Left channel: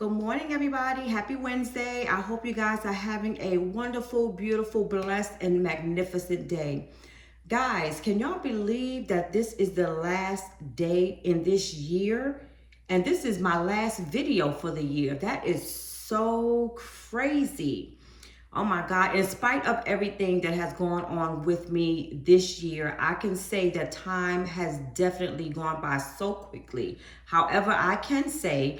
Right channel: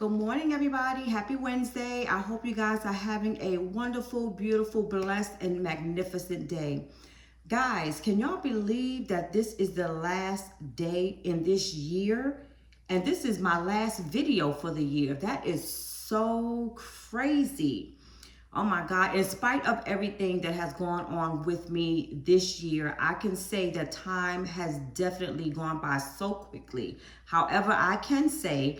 Good morning, everybody. Happy Wednesday. I hope you guys are having a wonderful, beautiful, blessed, and magnificent day. Guys, can y'all believe that this is the last day in this year? And this is my last video for the year. That is so crazy. Oh my God, in spite of everything that has gone on with me this year, I can say that time has definitely gone by so quickly. However, I can say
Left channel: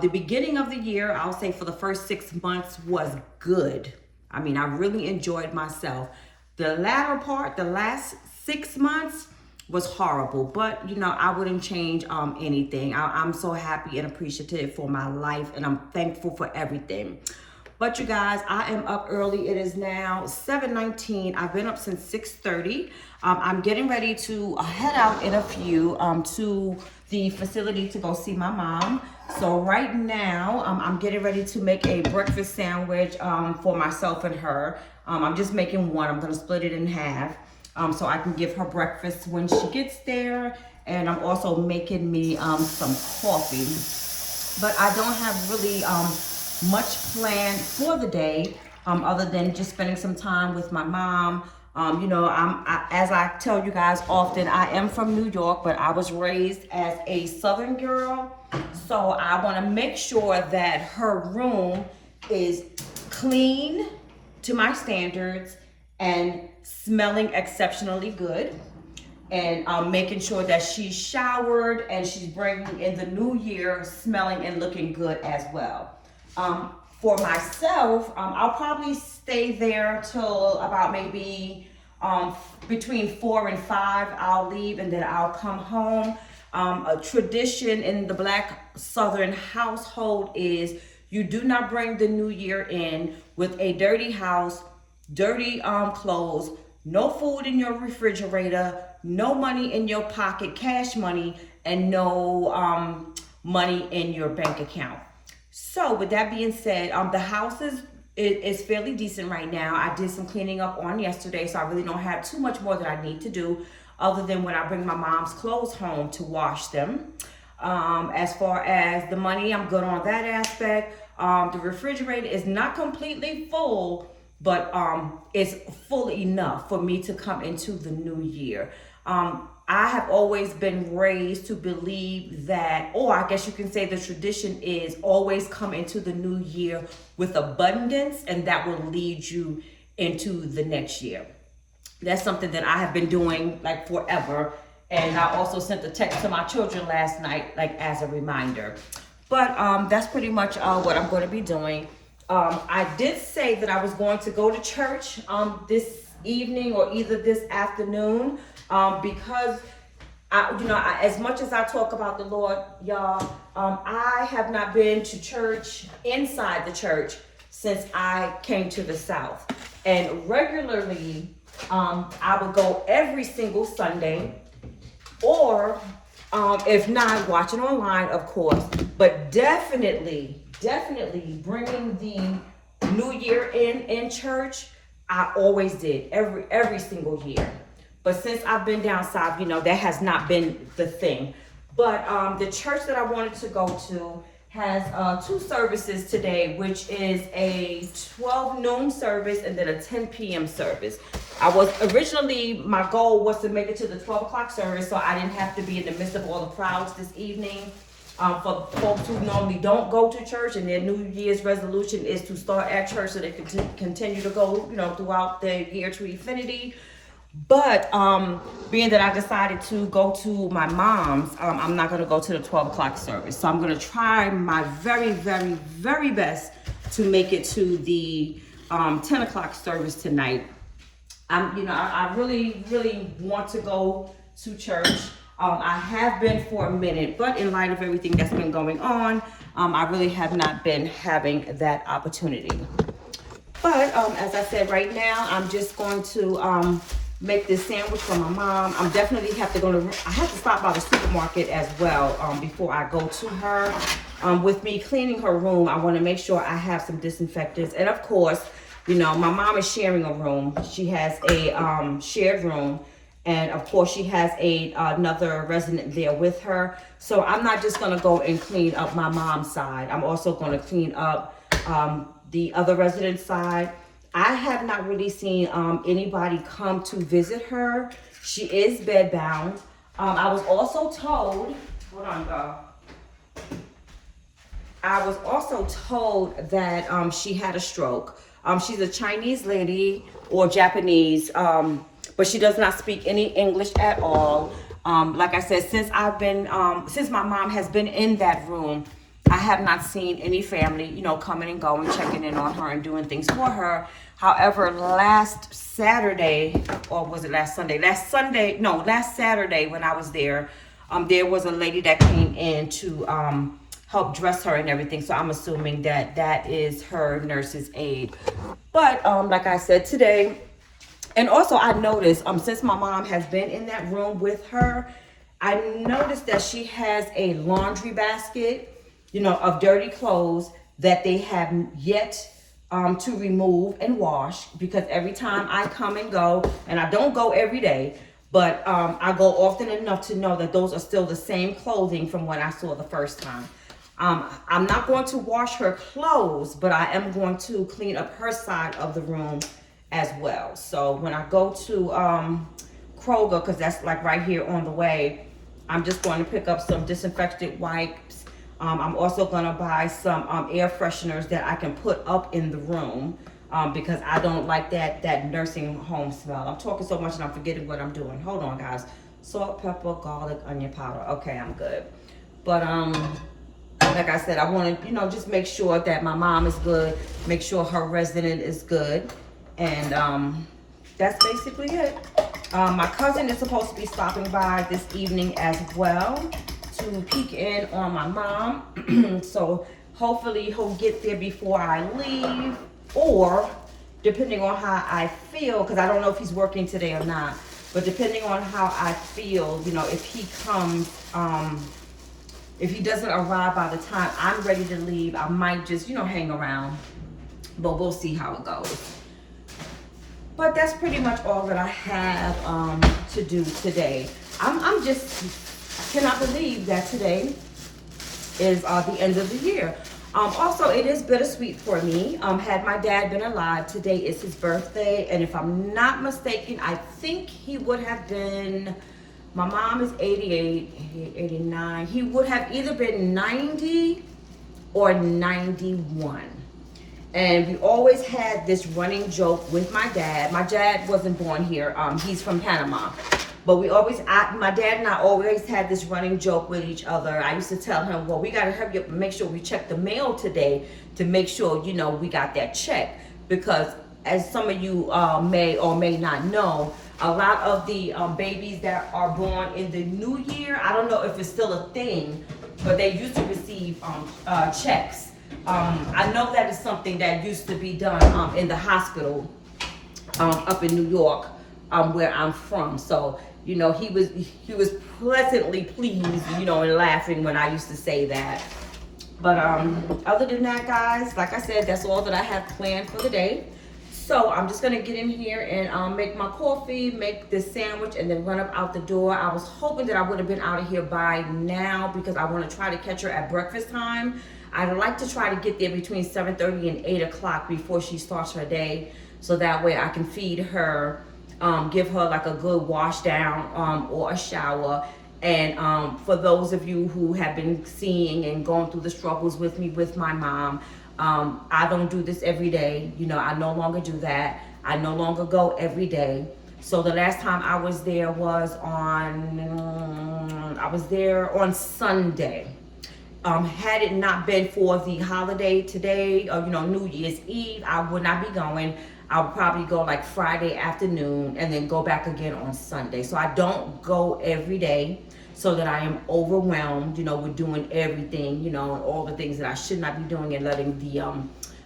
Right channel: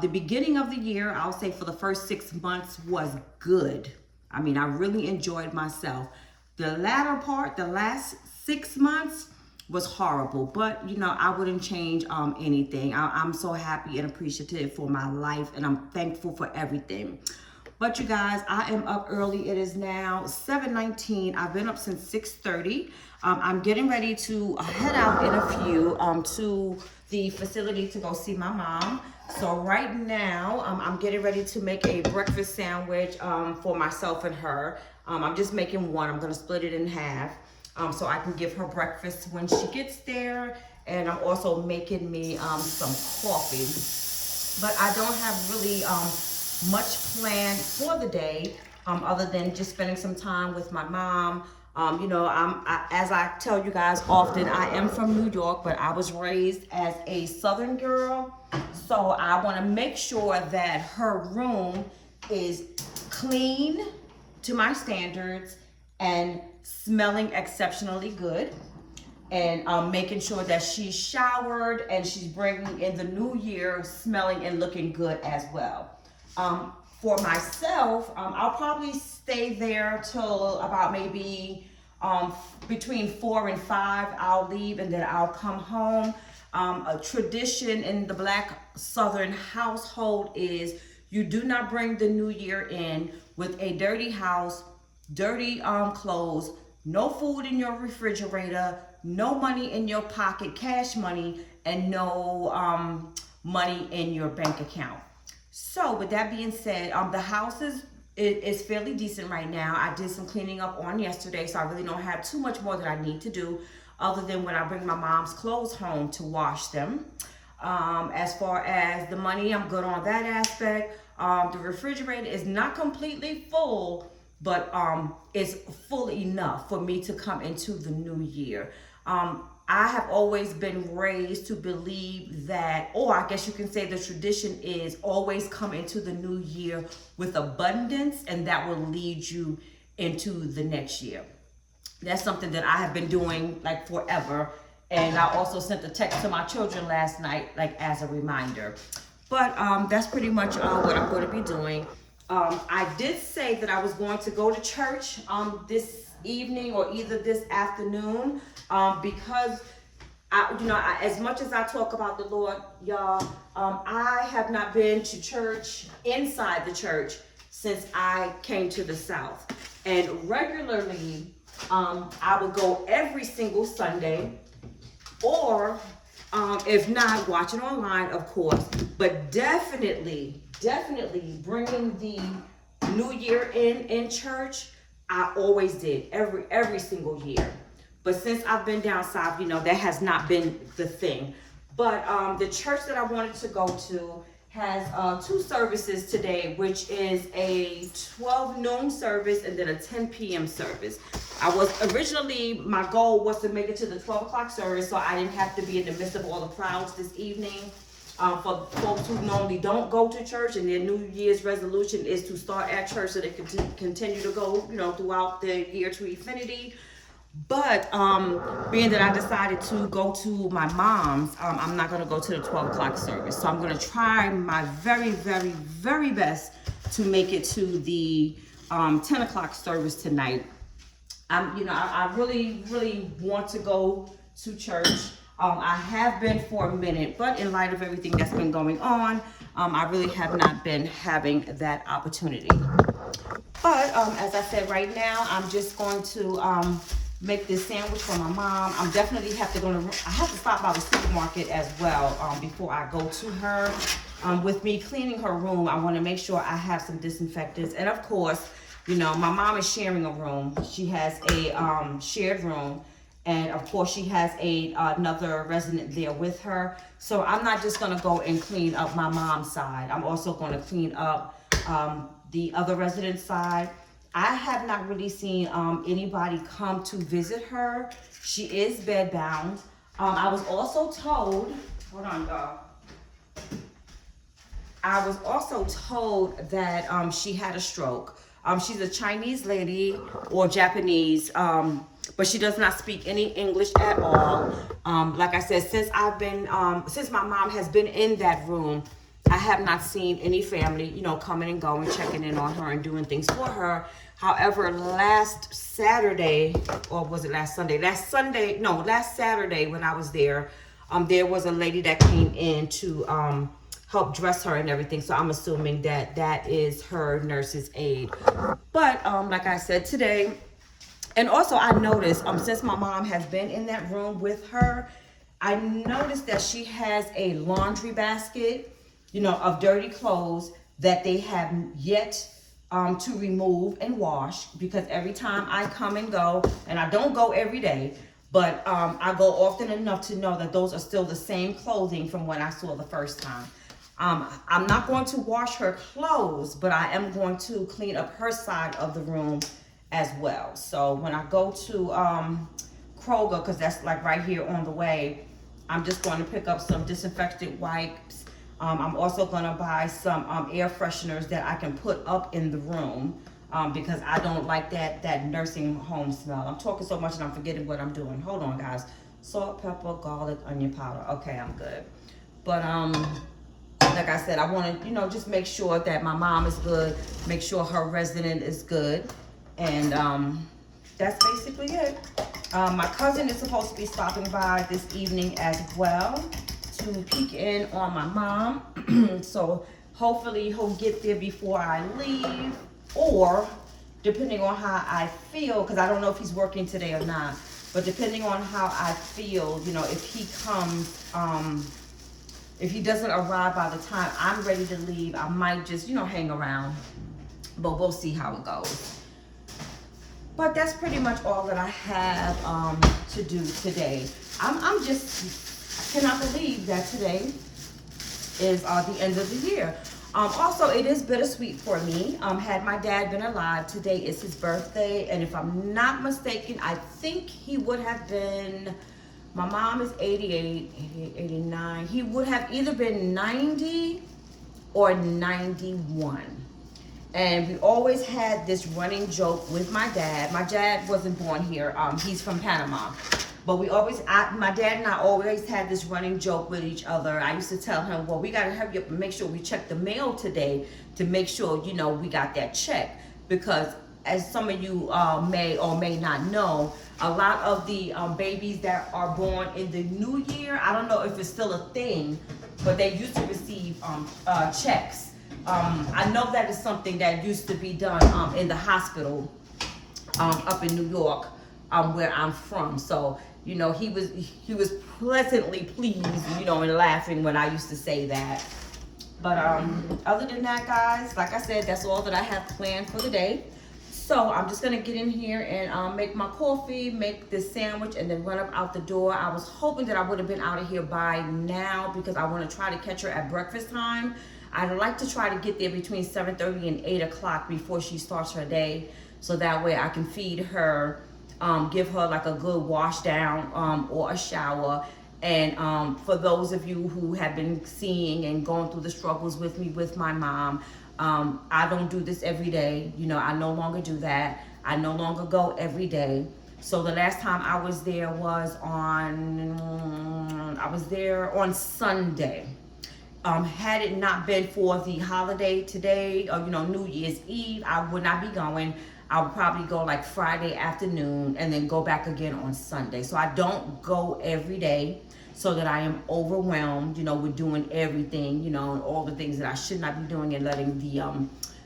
the beginning of the year, I'll say for the first 6 months was good. I mean, I really enjoyed myself. The latter part, the last 6 months, was horrible, but you know, I wouldn't change anything. I'm so happy and appreciative for my life, and I'm thankful for everything. But you guys, I am up early. It is now 7:19. I've been up since 6:30. I'm getting ready to head out in a few to the facility to go see my mom. So right now, I'm getting ready to make a breakfast sandwich for myself and her. I'm just making one. I'm gonna split it in half so I can give her breakfast when she gets there. And I'm also making me some coffee. But I don't have really much planned for the day other than just spending some time with my mom. You know, as I tell you guys often, I am from New York, but I was raised as a Southern girl. So I want to make sure that her room is clean to my standards and smelling exceptionally good, and making sure that she's showered and she's bringing in the new year smelling and looking good as well. For myself, I'll probably stay there till about maybe between 4 and 5. I'll leave and then I'll come home. A tradition in the Black Southern household is you do not bring the new year in with a dirty house, dirty clothes, no food in your refrigerator, no money in your pocket, cash money, and no money in your bank account. So with that being said, the house is fairly decent right now. I did some cleaning up on yesterday, so I really don't have too much more that I need to do other than when I bring my mom's clothes home to wash them. As far as the money, I'm good on that aspect. The refrigerator is not completely full, but it's full enough for me to come into the new year. I have always been raised to believe that, or I guess you can say the tradition is always come into the new year with abundance, and that will lead you into the next year. That's something that I have been doing like forever. And I also sent a text to my children last night, like as a reminder. But that's pretty much what I'm going to be doing. I did say that I was going to go to church this evening or either this afternoon because as much as I talk about the Lord, y'all, I have not been to church inside the church since I came to the South. And regularly, I would go every single Sunday, or if not, watching online, of course, but definitely bringing the new year in church. I always did every single year. But since I've been down south, that has not been the thing. But the church that I wanted to go to has 2 services today, which is a 12 noon service and then a 10 p.m. service. My goal was to make it to the 12 o'clock service so I didn't have to be in the midst of all the crowds this evening. For folks who normally don't go to church and their New Year's resolution is to start at church so they can continue to go, throughout the year to infinity. But being that I decided to go to my mom's, I'm not going to go to the 12 o'clock service. So I'm going to try my very, very, very best to make it to the 10 o'clock service tonight. I really, really want to go to church. I have been for a minute, but in light of everything that's been going on, I really have not been having that opportunity. But as I said, right now, I'm just going to make this sandwich for my mom. I'm definitely I have to stop by the supermarket as well before I go to her. With me cleaning her room, I want to make sure I have some disinfectants. And of course, my mom is sharing a room. She has a shared room. And of course, she has another resident there with her. So I'm not just gonna go and clean up my mom's side. I'm also gonna clean up the other resident's side. I have not really seen anybody come to visit her. She is bedbound. I was also told, hold on, y'all. I was also told that she had a stroke. She's a Chinese lady or Japanese, but she does not speak any English at all. Like I said, since my mom has been in that room, I have not seen any family, you know, coming and going, checking in on her and doing things for her. However, last Saturday, or was it last Sunday? Last Saturday when I was there was a lady that came in to help dress her and everything. So I'm assuming that that is her nurse's aide. But like I said today, and also I noticed since my mom has been in that room with her, I noticed that she has a laundry basket, you know, of dirty clothes that they have yet to remove and wash, because every time I come and go, and I don't go every day, but I go often enough to know that those are still the same clothing from when I saw the first time. I'm not going to wash her clothes, but I am going to clean up her side of the room as well. So when I go to Kroger, because that's like right here on the way, I'm just going to pick up some disinfectant wipes. I'm also going to buy some air fresheners that I can put up in the room because I don't like that nursing home smell. I'm talking so much and I'm forgetting what I'm doing. Hold on, guys. Salt, pepper, garlic, onion powder. Okay, I'm good. But like I said, I want to, you know, just make sure that my mom is good, make sure her resident is good, and that's basically it. My cousin is supposed to be stopping by this evening as well to peek in on my mom. So hopefully he'll get there before I leave, or depending on how I feel, because I don't know if he's working today or not, but depending on how I feel, you know, if he comes, if he doesn't arrive by the time I'm ready to leave, I might just, you know, hang around, but we'll see how it goes. But that's pretty much all that I have to do today. I'm just, I cannot believe that today is the end of the year. Also, it is bittersweet for me. Had my dad been alive, today is his birthday, and if I'm not mistaken, I think he would have been, my mom is 88, 89. He would have either been 90 or 91. And we always had this running joke with my dad. My dad wasn't born here. He's from Panama. But we always, my dad and I always had this running joke with each other. I used to tell him, well, we got to hurry up and make sure we check the mail today to make sure, you know, we got that check. Because as some of you may or may not know, a lot of the babies that are born in the new year, I don't know if it's still a thing, but they used to receive checks. I know that is something that used to be done in the hospital up in New York, where I'm from. So, you know, he was pleasantly pleased, you know, and laughing when I used to say that. But other than that, guys, like I said, that's all that I have planned for the day. So I'm just gonna get in here and make my coffee, make this sandwich, and then run up out the door. I was hoping that I would have been out of here by now because I want to try to catch her at breakfast time. I'd like to try to get there between 7:30 and 8 o'clock before she starts her day, so that way I can feed her, give her like a good wash down or a shower. And for those of you who have been seeing and going through the struggles with me with my mom, I don't do this every day. You know, I no longer do that. I no longer go every day. So the last time I was there was on Sunday. Had it not been for the holiday today, or, you know, New Year's Eve, I would not be going. I'll probably go like Friday afternoon and then go back again on Sunday. So I don't go every day so that I am overwhelmed, you know, with doing everything, you know, and all the things that I should not be doing and letting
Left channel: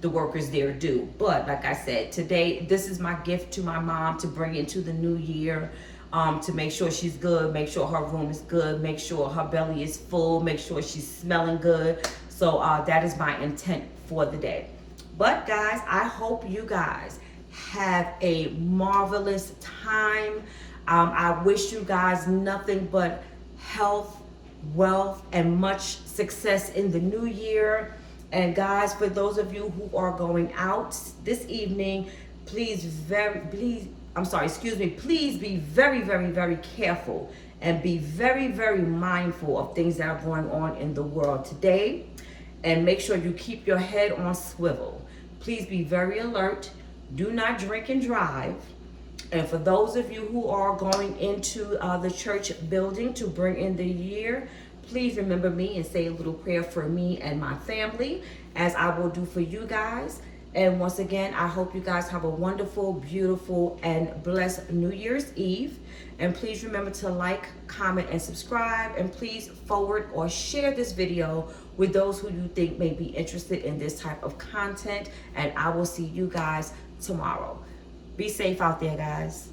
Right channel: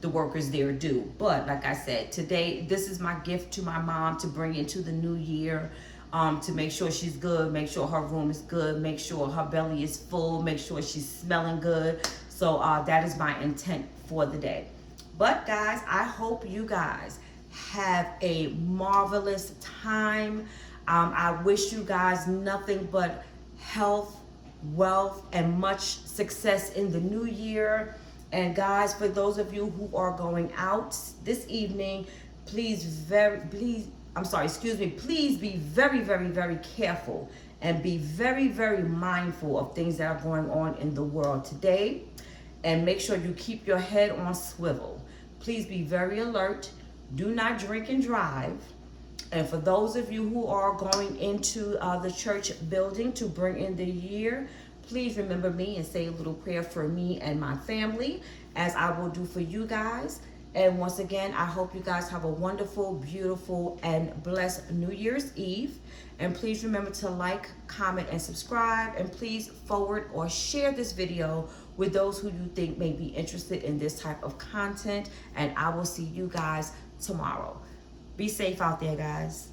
the workers there do. But like I said, today, this is my gift to my mom to bring into the new year, to make sure she's good, make sure her room is good, make sure her belly is full, make sure she's smelling good. So that is my intent for the day. But guys, I hope you guys have a marvelous time. I wish you guys nothing but health, wealth, and much success in the new year. And guys, for those of you who are going out this evening, please be very, very, very careful and be very, very mindful of things that are going on in the world today. And make sure you keep your head on swivel. Please be very alert. Do not drink and drive. And for those of you who are going into the church building to bring in the year, please remember me and say a little prayer for me and my family, as I will do for you guys. And once again, I hope you guys have a wonderful, beautiful, and blessed New Year's Eve. And please remember to like, comment, and subscribe. And please forward or share this video with those who you think may be interested in this type of content. And I will see you guys tomorrow. Be safe out there, guys.